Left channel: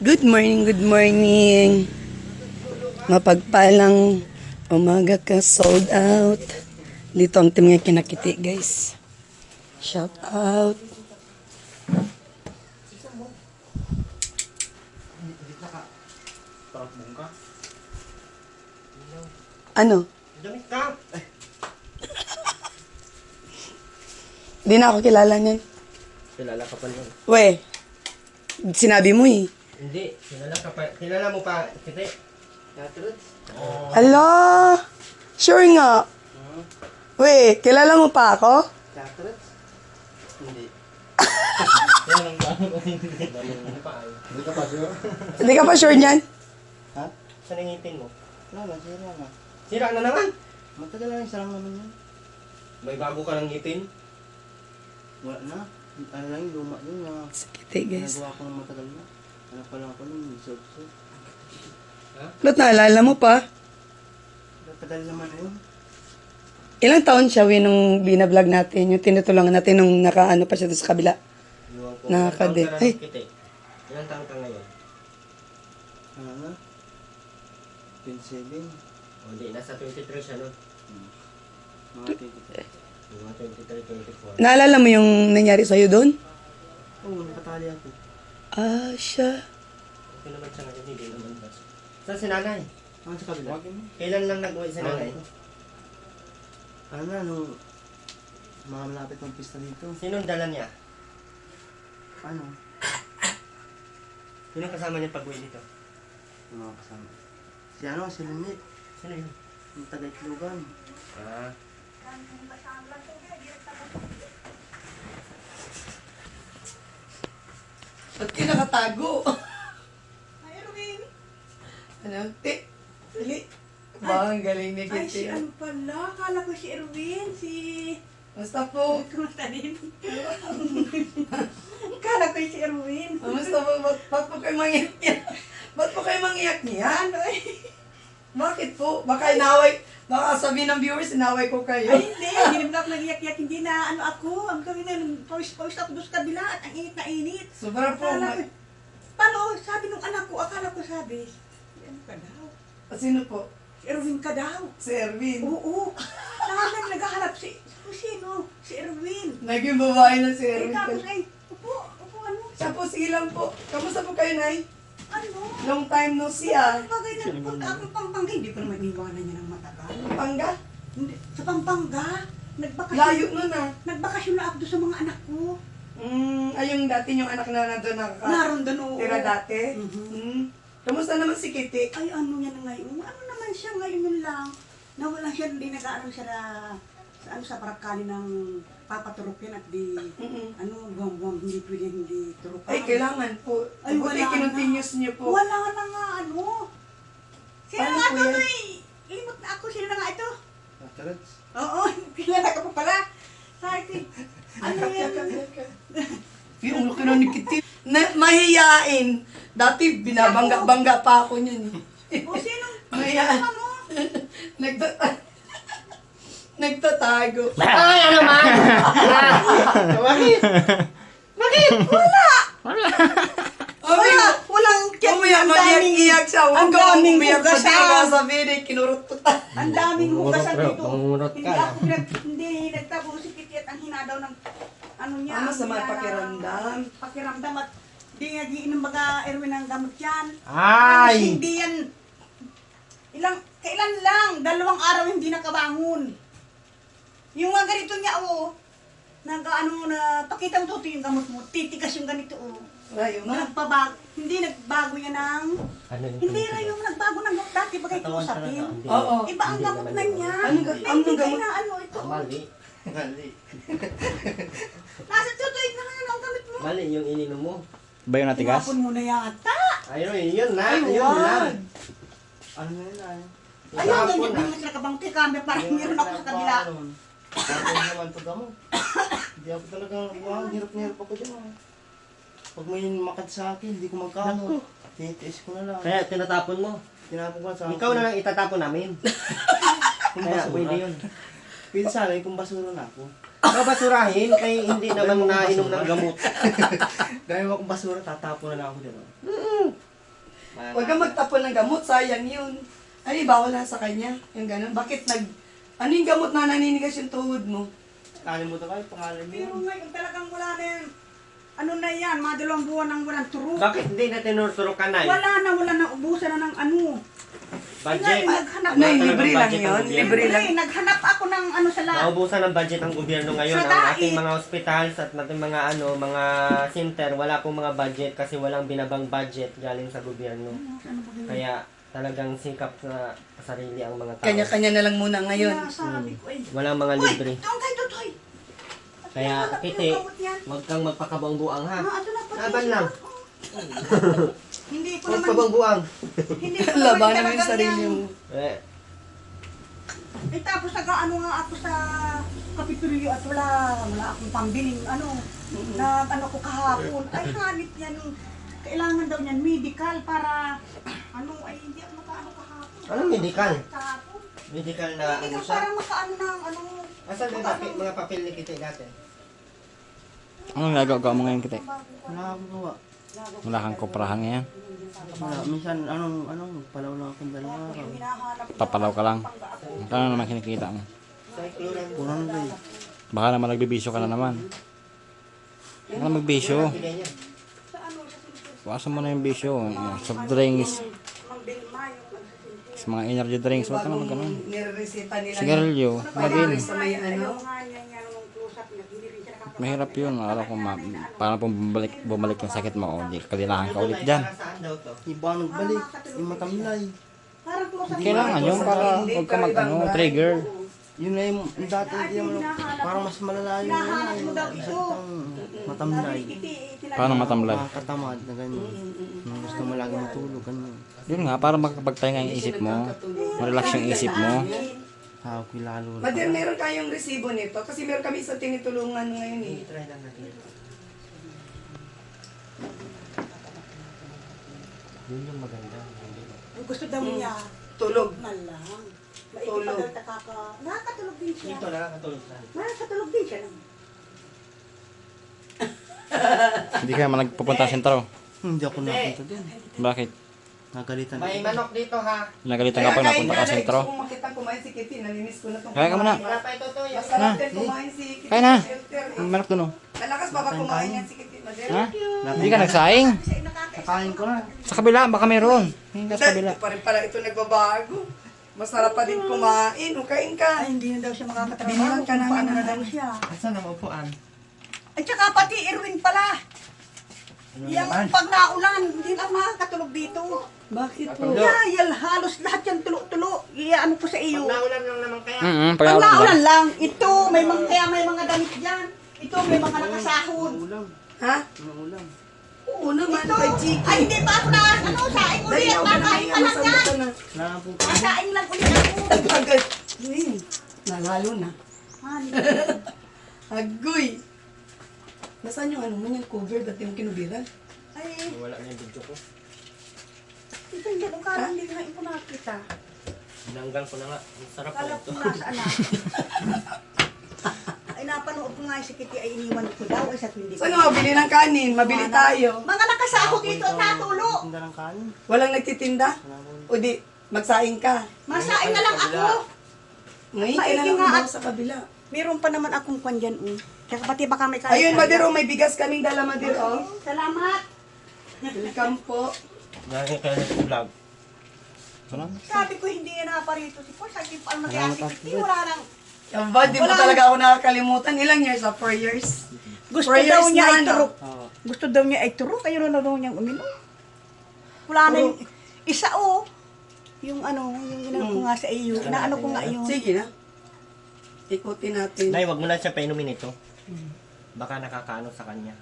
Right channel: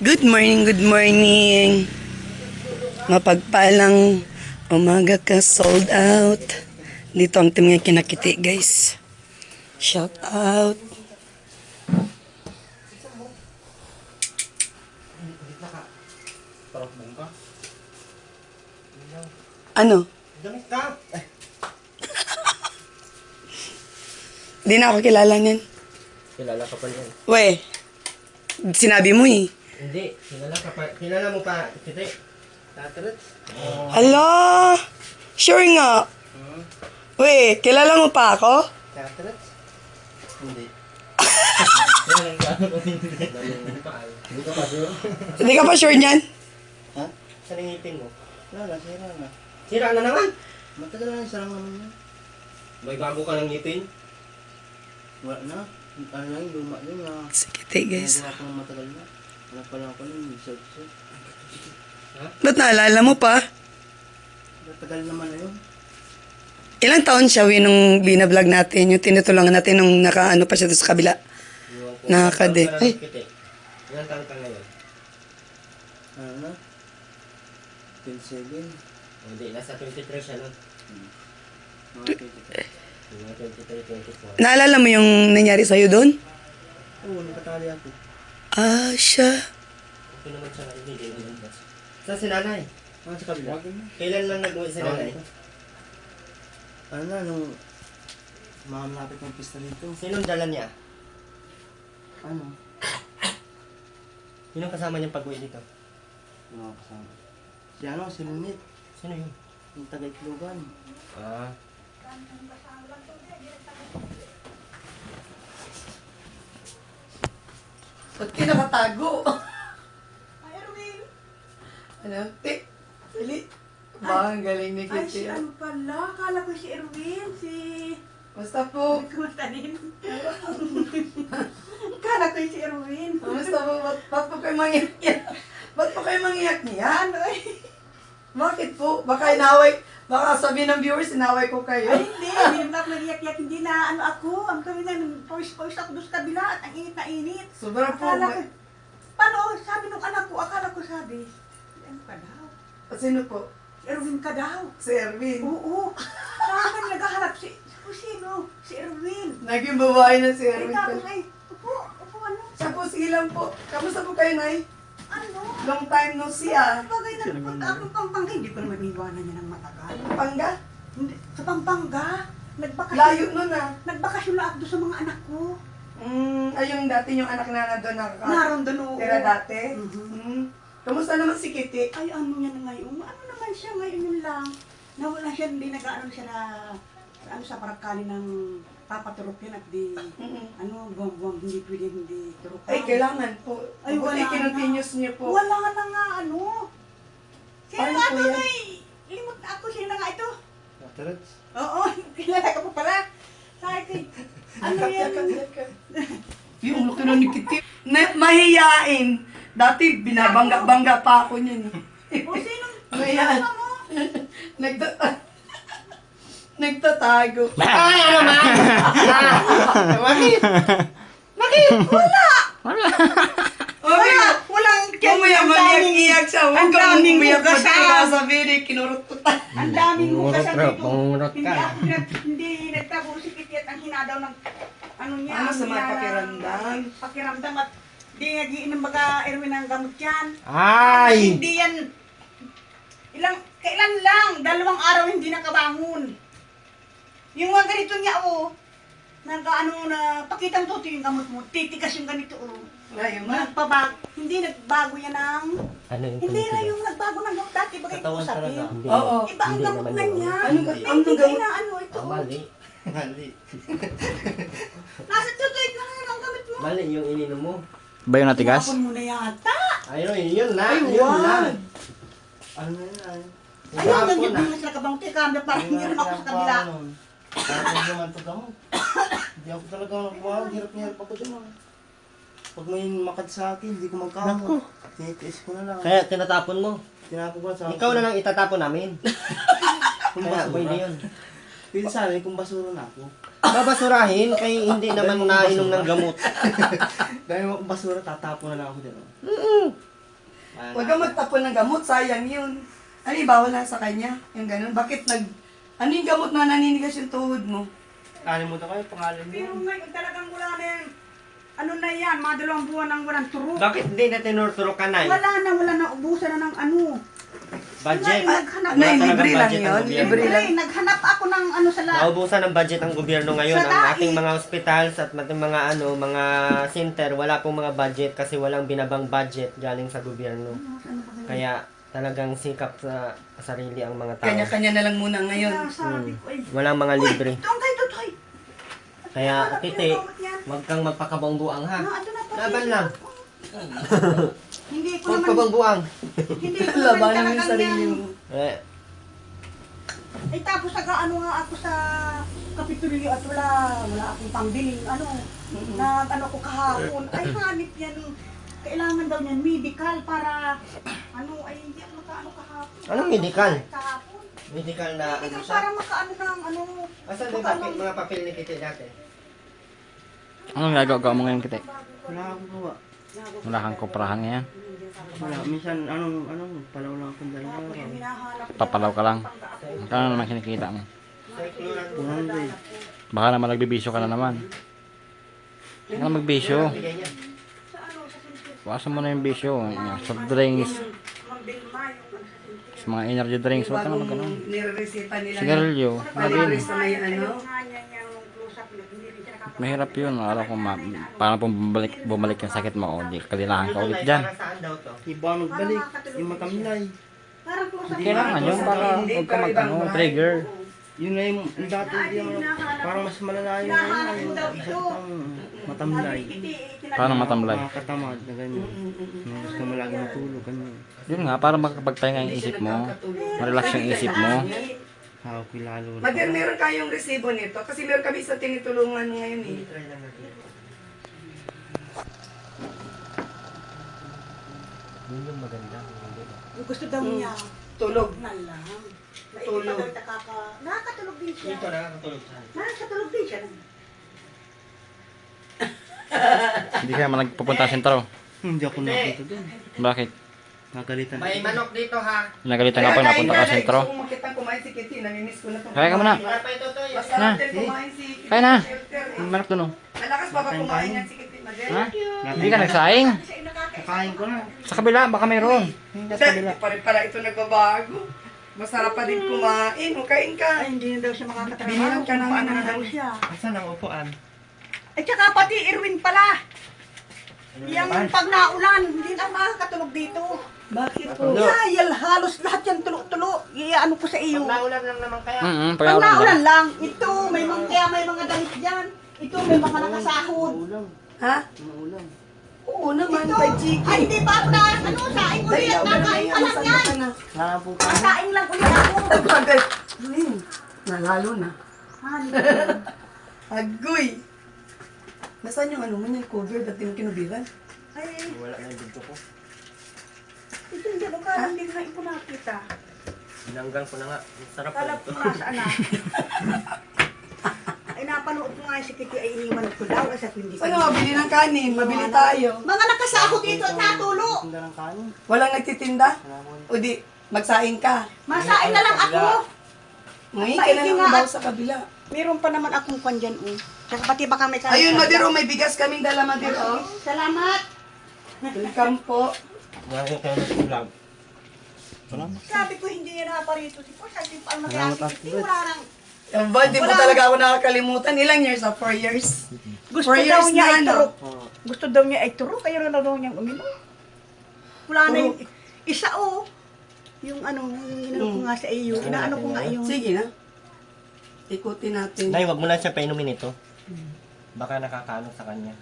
Good morning, good morning. Mapagpalang umaga ka, sold out. Dito ang team nga kinakiti, guys. Shout out. Ano? Di na ako kilala niyan. Kilala ka pa niyan. We, sinabi mo eh. Hindi, kilala ka pa. Kilala mo pa, Kitri. Tatrits? Ala! Sure nga. We, kilala mo pa ako? Tatrits? Hindi. Hindi ka pa sure? Hindi ka pa sure niyan? Ha? Saan ang ngipin mo? Wala, sira na. Sira na naman? Matagal na yung sarang naman yun. May bago ka ng ngipin? Wala na. Ano lang yung luma yun na. Sige, guys. Nagawa ko ng matagal na. Anak pa lang ako ng isod-isod. Ha? Ba't naalala mo pa? Matagal naman na yun. Ilang taon siya, we, nung binablog natin, yung tinutulungan natin nung nakaano pa siya doon sa kabila. Nakakade. Ay. Ilang taon ka ngayon? Ano na? 27. O hindi, nasa 23 siya nun. Mga 23. Mga 23, 24. Naalala mo yung nangyari sa'yo doon? Oo, nakatali ako. Ah, siya. Okay naman siya, hindi naman ba? Saan si nanay? Ako sa kabila. Kailan lang nag-uwi si nanay? Ano na, nung mga malapit ng pista dito. Sinong dala niya? Ano? Sinong kasama niyang pag-uwi dito? Mga kasama. Si ano, si Lunit. Sino yun? Yung taga-Itlogan. Ah. Ba't ka nakatago? Ay, Erwin. Ano? Dili. Ba, ang galing ni Ay, si Kitty. ano pala? Akala ko si Erwin, si... Basta po. Kumusta din? Akala ko si Erwin. Basta po, ba't po kayo mangiyak niya? Ba't po kayo mangiyak niya? Ano eh? Bakit po? Baka inaway, baka sabihin ng viewers, inaway ko kayo. Ay, hindi naman ako nag-iyak-iyak. Hindi na ano ako. Ang kami na, pawis-pawis ako doon sa kabila at ang init na init. Sobrang po. Akala ko, paano? Sabi nung anak ko, akala ko sabi, ano ka daw? Sino po? Si Erwin ka daw. Si Erwin. Oo. Namin naghahanap si sino? Si Erwin. Naging babae na si Ay, Erwin. tapos ay, upo ano? Siya po, sige lang po. Kamusta po kayo, Nay? Ano? Long time no see, ah. Bagay na punta akong Pampanga, hindi ko naman iwanan niya ng matagal. Pangga? Hindi, sa Pampanga, nagbakasyon. Layo nun, ah. Nagbakasyon na ako doon sa mga anak ko. Ay, yung dati yung anak na nandun Naroon doon, oo. tira dati. Mhm. Kamusta naman si Kitty? Ay, ano yan ngayon? Ano naman siya ngayon yun lang? Nawala siya, hindi nag-aaral siya sa parakali ng papaturok yan at di, buwang-buwang, hindi pwede hindi turok. Ay, kailangan po. Ay, Buti wala kinontinuous niyo po. Wala na nga, ano? Sino Paano nga po ito, yan? may limot na ako, sino na nga ito? Tatrits? Oo, kilala ka pa pala. Sa akin, ano yan? Yung laki na ni Kitty. Mahiyain. Dati binabangga-bangga pa ako niyan. O, sino? Mahiyain. Ano? Nagtatago. Ay, ano man? Bakit? Bakit? Wala, walang Mamaya maniyak-iyak siya. Ang daming hugasan. hugasan. Sabi ni, kinurututan. Ang daming hugasan dito. Murot Hindi ka. ako hindi nagtabo si Kitty at ang hinadaw ng ano niya. Ano sa mga hinadaw- pakiramdam? Pakiramdam at di nagiinom baga Erwin ng gamot yan. Ay! Hindi yan. Kailan lang, 2 araw hindi nakabangon. Yung mga ganito niya, pakitang tuto yung gamot mo, titigas yung ganito, Ngayon nga. Hindi nagbago yan ng, Ano yung hindi na yung nagbago ng gamot dati, bagay ko sabi. Oo. Iba ang gamot na niya. Anong gamot? Na ano ito. Mali. Mali. Nasa tutuig na nga ang gamot mo. Mali yung ininom mo. Ba yung natigas? Tinapon mo na yata. Ayun, yun na. Ay, Yun wag. na. Ano yun na? Ayun, yung yung sila kabang tikanda, parang meron ako sa kabila. Tapos naman ito gamot. Hindi ako talaga nakuha. Hirap na hirap ako dun. Pag may makad sa akin, hindi ko magkamot. Tinitiis ko na lang. Kaya tinatapon mo? Tinapon ko na sa akin. Ikaw na lang itatapon namin. Kung basura yun. Pili sa amin kung basura na ako. Babasurahin kay hindi naman nainom ng gamot. Dahil mo kung basura, tatapon na lang ako dito. Huwag ka magtapon ng gamot, sayang yun. Ano, bawal na sa kanya, yung gano'n. Bakit ano yung gamot na naninigas yung tuhod mo? Kalimutan ko yung pangalan mo. Pero ngayon talagang wala na yung, ano na yan, mga 2 buwan nang walang turo. Bakit hindi na tinuturo ka na? Wala na, ubusan na ng ano. Budget? Ngayon, naghanap. Ano, Wala libre talagang lang budget yun? ang gobyerno. Libre lang. Naghanap ako ng ano sa lahat. Naubusan ng budget ng gobyerno ngayon. Sa Ang dait. ating mga hospitals at ating mga mga center, wala pong mga budget kasi walang binabang budget galing sa gobyerno. Kaya talagang sikap sa sarili ang mga tao. Kanya-kanya na lang muna ngayon. Sabi ko, ay, Walang mga libre. Toy. Kaya, Titi, huwag kang magpakabuang-buang ha. Laban lang. Hindi ko Huwag naman, kabuang-buang. hindi ko naman Labanan mo yung talagang sarili yan. mo. Eh, Eh tapos nag-ano nga ako sa kapitulyo at wala akong pambiling ano ko kahapon. Ay hanip yan, kailangan daw niyan medical para ay hindi ako makaano kahapon. Anong medical? Kahapon. medical na ano Medical siya. para makaano ng Asan yung mga papel ni Kitty dati? Anong gagawa mo ngayon, Kite? Wala akong gawa. Wala kang kuprahan ngayon. Wala. Minsan, palaw lang akong dalawa. Papalaw ka lang. Kano naman kinikita mo? Punang ba eh. Baka naman nagbibisyo ka na naman. Baka na magbisyo. Wasan mo na yung bisyo. Soft drinks. Mga energy drinks. Huwag ka na mag-ano. Nireresita nila. Sigarilyo. Madin. Sa may ano. Mahirap yun. Alam ko, parang bumalik yung sakit mo. O, di kalilangan ka ulit dyan. Saan daw to? Iba nagbalik. Yung matamlay. Kailangan yun para huwag ka trigger. Yun na yung dati parang mas malala yung isang matamlay. Paano matamlay? Makakatamad na ganyan. Gusto mo lagi matulog, ganyan. Yun nga, para makapagpahinga yung isip mo. Marelax yung isip mo. Tawag ko lalo. Madir, meron kayong resibo nito? Kasi meron kami sa tinitulungan ngayon eh. Try lang natin. Yun yung maganda. Gusto daw niya Tulog. na lang. Tulog. Nakakatulog din siya. Dito nakakatulog siya. Nakakatulog din siya. Hindi ka naman nagpupunta sa sentro. Hindi ako nakita din. Bakit? Nagalitan. May manok dito ha. Nagalitan ka pag napunta ka sa sentro. Kung makitang kumain si Kitty, namimiss ko na itong Kaya ka muna. Wala pa ito to. Masarap din kumain si Kitty. Kaya na. Shelter, eh. Malak doon oh. Malakas pa ba kumain yan si Kitty, Madir? Ha? Hindi ka nagsaing? Kakain ko na. Sa kabila, baka mayroon. Hindi sa kabila. Hindi pa rin pala ito nagbabago. Masarap pa din kumain. Kain ka. Ay, hindi na daw siya makakatrabaho. Binilang ka namin Paano ng na daw ano. siya. Saan ang upuan? At saka pati Erwin pala. Yung pag naulan, hindi na makakatulog dito. Bakit po? Yayal, halos lahat yan tulo-tulo. Ano ko sa iyo. Naulan lang naman kaya. Pag Pag naulan lang, ito, may mga damit dyan. Ito, may mga nakasahod. Ulam. Ha? Ulam. Oo naman, Ito, kay Chiki. ay hindi pa ako na, saing Dali, ulit. ako na Kakain ngayon. pa lang Masanda yan. ka na. Wala po Kakain lang ulit ako. Agad. Luin. Nalalo na. Agoy. Nasaan yung ano mo yung cover? Ba't yung kinubiran? Ay, Wala na yung bigto ko. ito hindi ko karang hindi ko na ito nakita. Binanggang ko na nga. Ang sarap Kala po ko ito. nasa anak. Ay, napanood ko nga si Kitty ay iniwan ko daw. Kasi hindi Saan nga mabili ng kanin? Mabili tayo. Mga nakasahod dito at natulo. Tinda ng kanin. Walang nagtitinda? O di, magsaing ka. Masain na lang ako. Ngayon, Maigi kailangan nga mo daw at- sa kabila. Meron pa naman akong kwan dyan. Tsaka pati baka may kanin. Ayun, Madiro, may bigas kaming dala, Madiro. Salamat. Welcome po. Nakikita ng vlog. Sabi ko hindi yan naparito. Si Paul, sabi ko, ang mag-aasik. Wala lang. Yung ba, di mo Wala. talaga ako nakakalimutan. Ilang years? 4 years? Gusto 4 daw years niya na, ay ano? turo. Gusto daw niya ay turo. Kaya na daw niyang uminom. Wala na yung isa yung yung ginano ko nga sa iyo. Inaano ko nga yun. Sige na. Ikutin natin. Nay, wag mo lang siya painumin ito. Baka nakakaano sa kanya.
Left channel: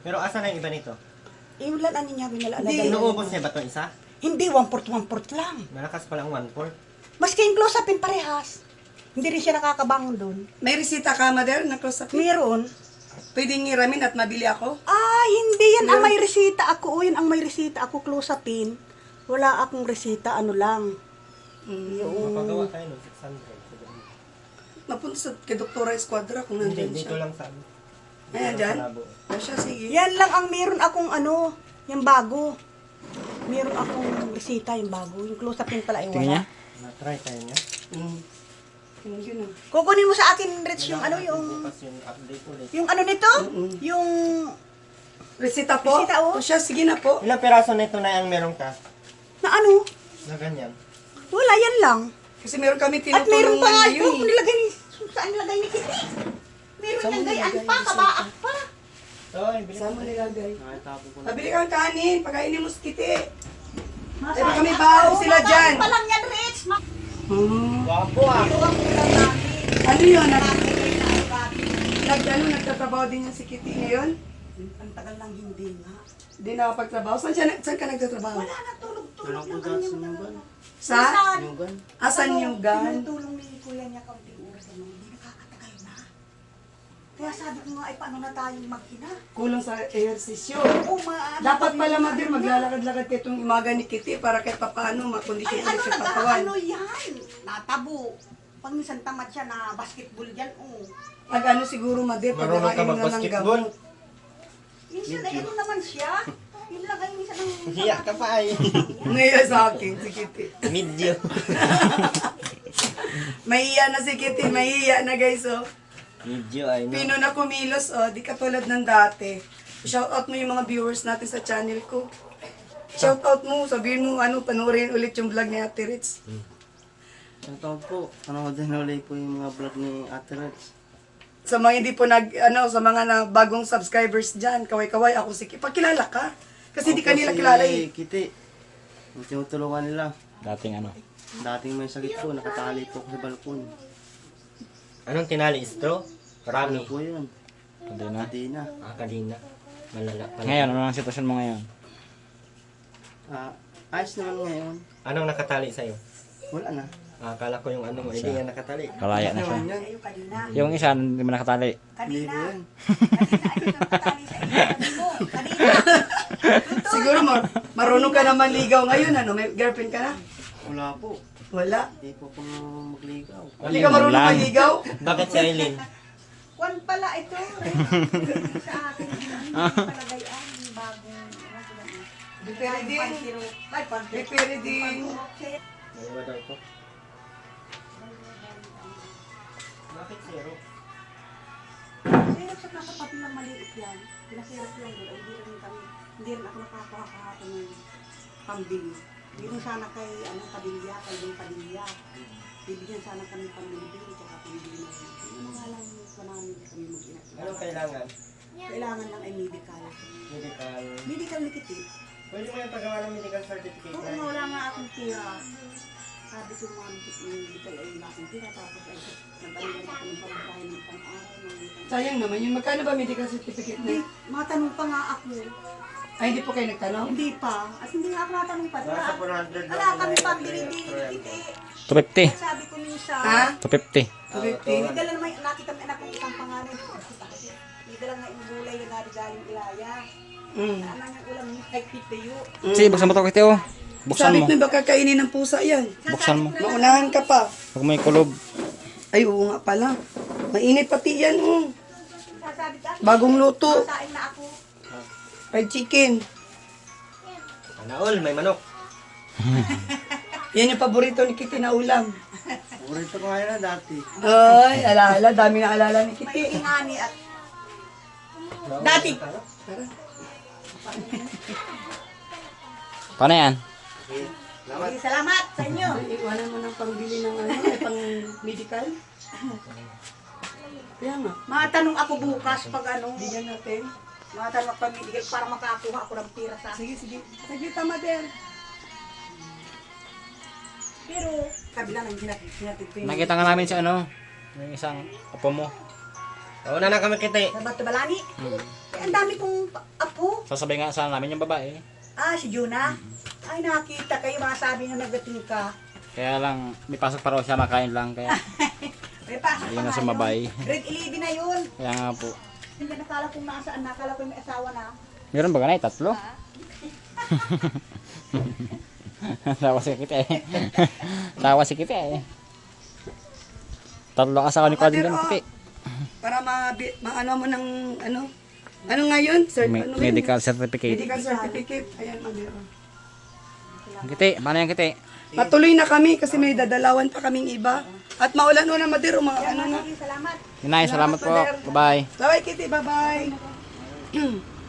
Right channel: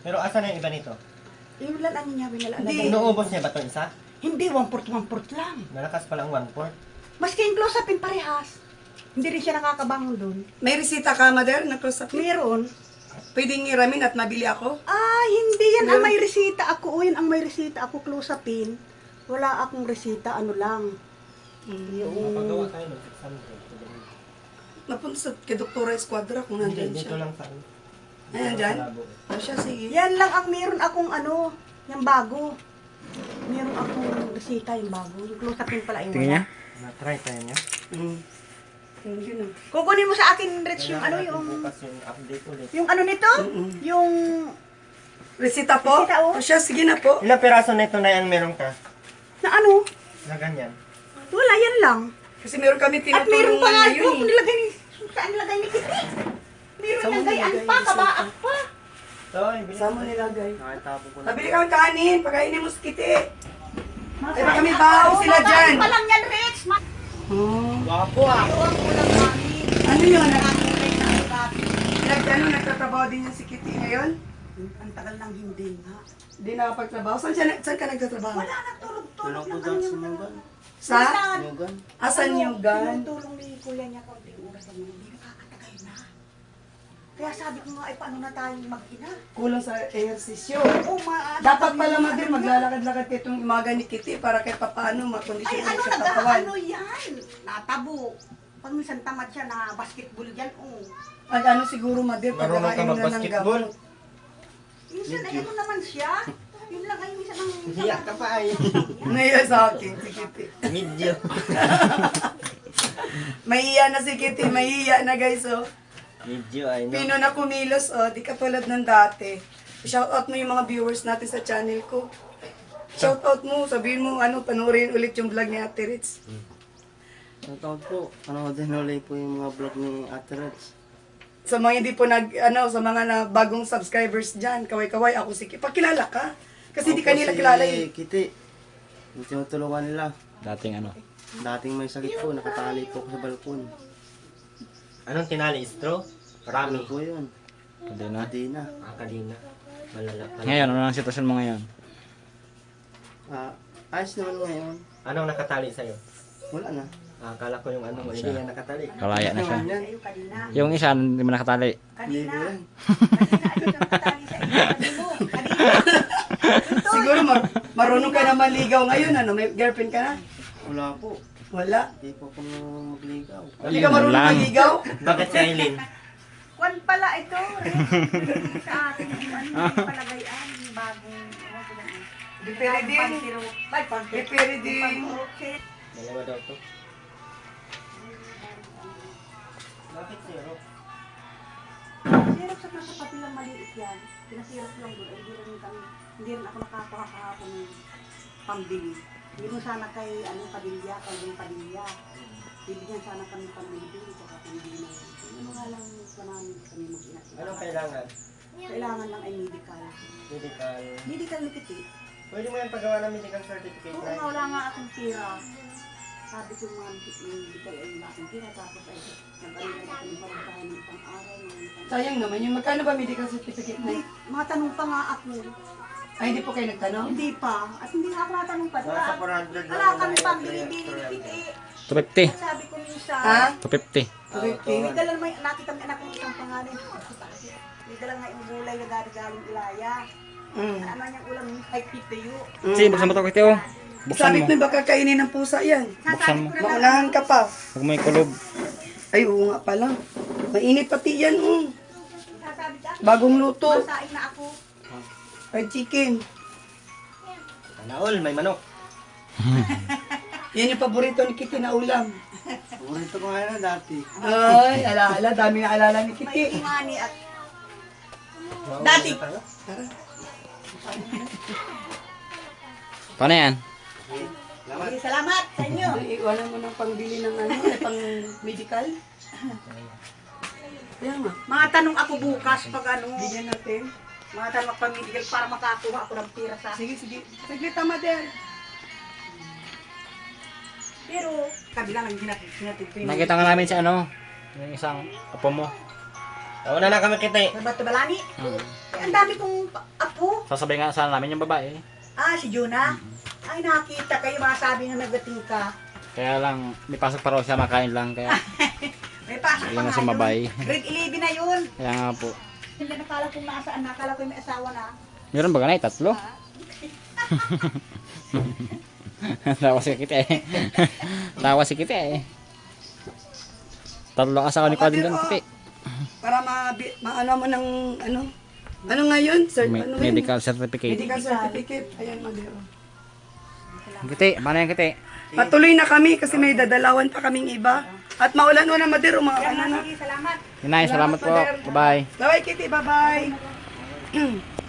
Pero asan na yung iba nito? Yung lalaan niya, binalaan Hindi. na. Inuubos niya ba ito isa? Hindi, 1/4 lang. Malakas palang 1/4. Maski yung close-upin parehas. Hindi rin siya nakakabangon doon. May resita ka, Mother? Na close up? Meron. Pwede ngiramin at mabili ako? Hindi yan ang may resita ako. Yan ang may resita ako, close-upin. Wala akong resita, ano lang. Mapagawa tayo ng 600. Napunta sa kay Doktora Esquadra kung Hindi, nandyan dito siya. lang sa ano. Ayan, dyan? Sa labo. O siya, sige. Yan lang ang meron akong yung bago. Meron akong bisita yung bago. Yung close up yung pala yung Tingin niya? Na-try tayo niya. Yung yun oh. Kukunin mo sa akin, Rich, yung ano yung... Bukas yung update ulit. Yung ano nito? Yung... Resita po? Resita, oh. O siya, sige na po. Ilang piraso nito na yan meron ka? Na ano? Na ganyan. Wala, yan lang. Kasi meron kami At meron pa tinutulungan nga ngayon yung eh. nilagay, saan nilagay ni Kitty? Meron Saan mo nilagayan nilagay? pa, kabaak pa. Ay, bilis. Saan mo nilagay? Nakatapo ko na. Pabili kang kanin, pagkainin mo sa kiti. Nasa Diba kami bahaw sila dyan? Pa lang yan, Rich. Wapo ah. Iwan ko lang namin. Ano yun? Nakakulay na ang dati. Nagtatrabaho din yung si Kitty ngayon? Ang tagal nang hindi nga. Hindi nakapagtrabaho. Saan ka nagtatrabaho? Wala na, tulog-tulog Tulong ko lang dyan kami sa ng Nyugan. Sa? Nyugan. Asan yung gun? Tinutulong ni Kuya niya kaunting oras na hindi nakakatagal na. Kaya sabi ko nga, ay paano na tayong mag-ina? Kulang sa ehersisyo. Oo, Dapat pala Madir, maglalakad-lakad kayo itong umaga ni Kitty para kahit papaano Ay, makondisyon ano ulit sa katawan. ano yan? Natabo. Pag minsan tamad siya na basketball yan, oh. Pag ano siguro Madir, pag Marunong ka nakainom na ng mag-basketball? gamot. Minsan ay ano naman siya. Yun lang ay minsan ang... Hiya ka pa ay. Ngayon sa akin, si Kitty. Medyo. Mahiya na si Kitty, mahiya na guys, oh. Medyo ay. Pino na kumilos, oh. Di katulad ng dati. Shoutout mo yung mga viewers natin sa channel ko. Shoutout mo, sabihin mo, ano, panoorin ulit yung vlog ni Ate Ritz. Shoutout po. Panoodin ulit po yung mga vlog ni Ate Reds. Sa mga hindi po sa mga bagong subscribers dyan, kaway-kaway, ako si Kitty. Pakilala ka. Kasi di ka nila kilala eh. Kitty. Yung tinutulungan nila. Dating ano. Dating may sakit po, nakatali po ako sa balkon. Anong tinali? Istro? Ano Rami? po yun? Hindi na. Hindi na. Kanina. Malala pa. Ngayon, ano ang sitwasyon mo ngayon? Ayos naman ngayon. Anong nakatali sa'yo? Wala na. Akala ko yung ano mo, hindi Siya. nga nakatali. Kalaya na siya. Naman yan. Sa'yo kanina. Yung isa, hindi mo nakatali. Hindi Kanina. po yan. Kanina, ay sa iyo. Sabi mo, kanina. Siguro marunong ka naman ligaw ngayon, ano? May girlfriend ka na? Wala po. Wala. Hindi po ako magligaw. Hindi ka marunong lang. maligaw? Bakit si Aileen? Kwan pala ito, Rick. Sa akin, ano palagayan, yung bagong, ano ko lang. Dipere din. Dipere din. Dalawa daw to. Bakit zero? Sirap sa nakapati lang maliit yan. Pinasirap lang doon. Ay, hindi rin ako nakakuha kahapon ng pambili. Hindi mo sana kay Padilla, kay Dong Padilla. Bibigyan sana kami pambili. Kaya pambili na yun. Ano nga lang namin kami mag-inat. Anong kailangan? Kailangan lang ay medical. Medical. Medical ni Kitty. Pwede mo yan paggawa ng medical certificate Oo na nga, wala nga akong tira. Sabi ko mga medical ay wala akong tira. Tapos ay nag-alala ako ng pagkain ng pang-araw. Sayang naman yung magkano ba medical certificate na? Mga tanong pa nga ako. Ay, hindi po kayo nagtanong? Hindi pa. At hindi nga ako natanong pa. Nasa 400 Wala kami pambili din. Kitty. 250. Sabi ko minsan. Ha? 250. 250. May dala naman, nakita mo anak kong isang pangalan. May dala nga yung gulay na galing Ilaya. Ano niyang ulam yung kay Titayo. Sige, buksan mo ito, Kitty, oh. Buksan Sabi mo. mo, baka kainin ng pusa yan. Buksan mo. Maunahan ka pa. Huwag mo yung kulob. Ay, oo nga pala. Mainit pati yan, oh. Sasabi ka, Bagong luto. kain na ako. Fried chicken. Panaol, may manok. Yan yung paborito ni Kitty na ulam. Paborito ko nga na dati. Ay, alaala. Dami na alala ni May Kitty. ingani at dati. Paano yan? Salamat sa inyo. Ay, iwanan mo ng pangbili ng pang medical. Kaya nga. Mga tanong ako bukas pag Bigyan natin. mga tanong ako pag-medical para makakuha ako ng tira sa Sige, sige. Saglit tama din. Pero, kabila ng hinatid. Nakita nga namin si ano, yung isang apo mo. Una na kami kita eh. Sa Batubalani. Eh, ang dami kong apo. Sasabay nga sana namin yung babae. Ah, si Juna. Ay, nakita kayo mga sabi nga nagating ka. Kaya lang, may pasok pa raw siya, makain lang. Kaya, May pasok Ayun pa na nga sumabay. yun. Grade 11 na yun. kaya nga po. Hindi nakala kong nasaan. Nakala ko may asawa na. Meron ba ganay? Tatlo? Tawa si Kitty eh. Tawa si Kitty eh. Tatlo ang asawa ni Kwading ganun, Kitty. Para maano mo ng ano? Ano nga yun? Sir, ano yun? Medical certificate. Medical certificate. Ayan, Madero. Kiti, paano yan kiti? Matuloy na kami kasi may dadalawan pa kaming iba. At maulan na madero mga ano na. Salamat. Inay, salamat po. Bye-bye. Bye-bye, Kitty. Bye-bye.